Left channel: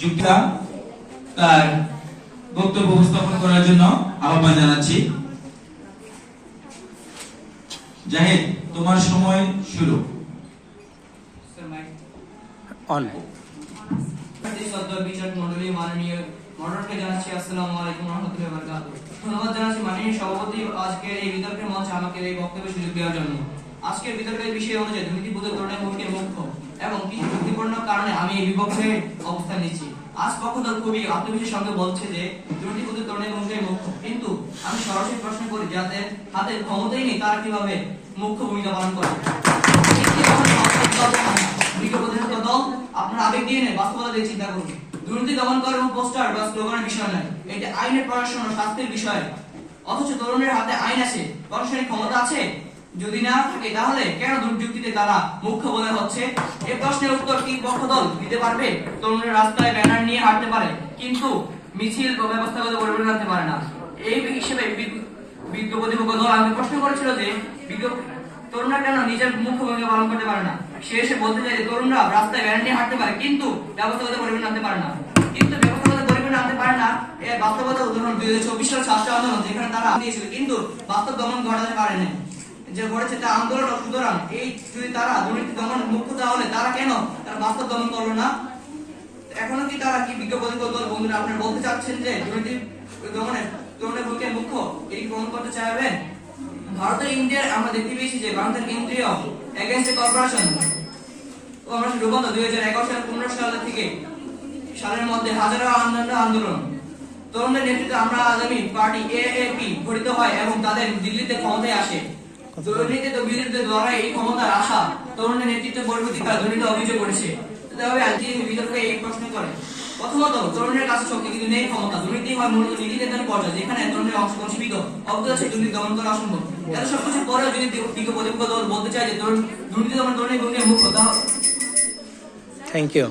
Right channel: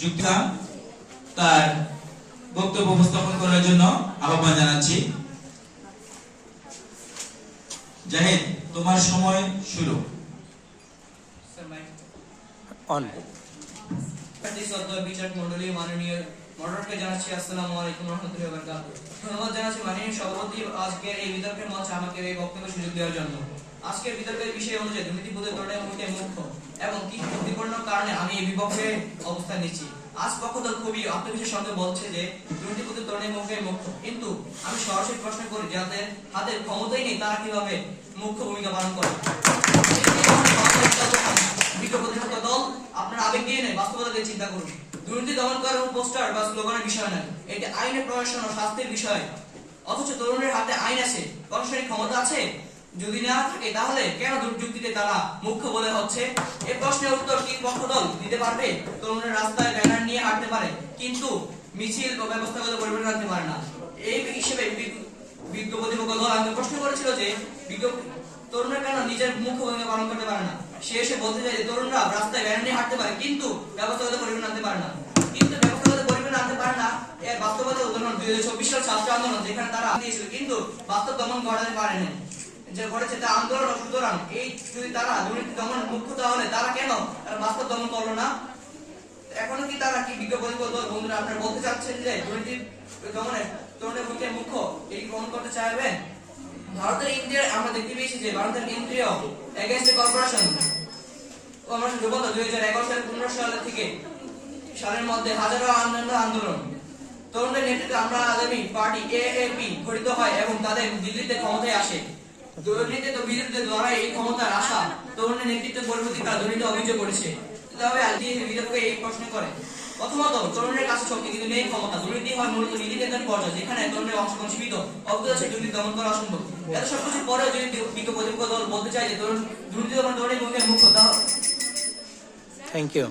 যুক্তা তার বক্তব্য উপস্থাপন করার জন্য আহ্বান জানাচ্ছি। জাহিদ, তোমার সময় শুরু। অন বিচার মন্ডলী মাননীয় মডারেটরকে জানাচ্ছি আসসালামু আলাইকুম রহমতুল্লাহি ওয়া বারাকাতুহু। ধন্যবাদ জানাচ্ছি মাননীয় সভাপতি আজকের এই বিতর্কের মঞ্চে আমাকে এই বক্তব্যের সুযোগ দেওয়ার জন্য। আজকের বিতর্কের বিষয় হচ্ছে দুর্নীতিবোধের তুলনায় ভূমিকা মুখ্য এবং কিছু যুক্তিপূর্ণ কারণে আমি এই বিপক্ষে অবস্থান নিচ্ছি। আজ পক্ষদল খুবই আত্মবিশ্বাসের সঙ্গে বলছে যে দুর্নীতিবোধের তুলনায় ভূমিকা মুখ্য, কিন্তু আমি সরাসরি প্রশ্ন করি যাদের হাতে ক্ষমতাই নেই তারা কিভাবে মুখ্য ভূমিকা পালন করে? দল আপনার আবেগ দিয়ে নেই, বাস্তবতা দিয়ে চিন্তা করুন। দুর্নীতি দমন করার পোস্টার বা স্লোগানের বিষয় নয়, এটি আইনের প্রশাসন ও শাস্তির বিষয়। অথচ তরুণের হাতে আইন আছে, প্রশাসনিক ক্ষমতা আছে। যদি না থাকে তাহলে কেন দুর্যুক্তিতে তারা মুখ্য বলে হচ্ছে? এই প্রশ্নের উত্তর কি পক্ষ দল দিতে পারবে? তরুণের রাস্তায় ব্যানার নিয়ে হাঁটতে পারে, কিন্তু মিছিল বা ব্যবস্থাগত পরিবর্তন আনতে পারে না। এই হিসেবে বিজ্ঞ প্রতিপক্ষ দল আমাকে প্রশ্ন করেছিল যে তরুণরা কেন নিজের মুখ্য ভূমিকা পালন করতে পারে না। সে এসে বলতে চাই যে তরুণরা রাস্তায় ব্যানার নিয়ে হাঁটতে পারে, কিন্তু ব্যবস্থাগত পরিবর্তন আনতে পারে না। কিন্তু ব্যবস্থাগত পরিবর্তন আনতে পারে না এর বাস্তবতা উদাহরণ 2024 সাল ছাত্র আন্দোলন, যেখানে তারা দিয়েছিল কিন্তু বাস্তব দমন ঘটাতে পারেনি। যে ঘটেছে তা আন্দোলন। সুতরাং এই যদি তারা দুর্নীতি দমন মুখ্য তাহলে তারা কেন তারা বাস্তব দমন করলো না? এখনো কি তারা কি বিজ্ঞ প্রতিপক্ষ দল বন্ধুরা আপনারা বলতে চাচ্ছেন যে দুর্নীতি দমনে তরুণের ভূমিকা মুখ্য, এই গ্রহণ করতে চাইবেন? ভারতের ইন্ডিয়ার আমরা দেখতে পেয়েছি যে ভারতের কেন্দ্রীয় এগেইনস্ট কর্পোরেশন আমরা রূপান্তর 2011 সালের 15 সাল থেকে সালের মধ্যে হাজারো আন্দোলন তরুণদের নেতৃত্বে আমরা আগামী পার্টি এএপি গঠিত হয় এবং তাদের দিল্লিতে ক্ষমতায় আসে। দুর্নীতি তো বিরোধীদের দ্বারা এই ক্ষমতার আশা তরুণদের নেতৃত্বে পরবর্তীকালে দুর্নীতি অভিযোগ করেছে। তবে আজকে বিতর্কে এই প্রশ্ন করে, প্রথমত তরুণের কাছে শক্তি কিন্তু নেই ক্ষমতা। দুর্নীতি হয় মূলত নীতি নির্ধারণ পর্যায়ে, যেখানে তরুণের অংশগ্রহণ সীমিত, অবগত আছে দুর্নীতি দমন করা অসম্ভব। এত সবকিছু পরেও যদি বিজ্ঞ প্রতিপক্ষ দল বলতে চায় যে দুর্নীতি দমন তরুণের ভূমিকা মুখ্য, তাহলে থ্যাংক ইউ।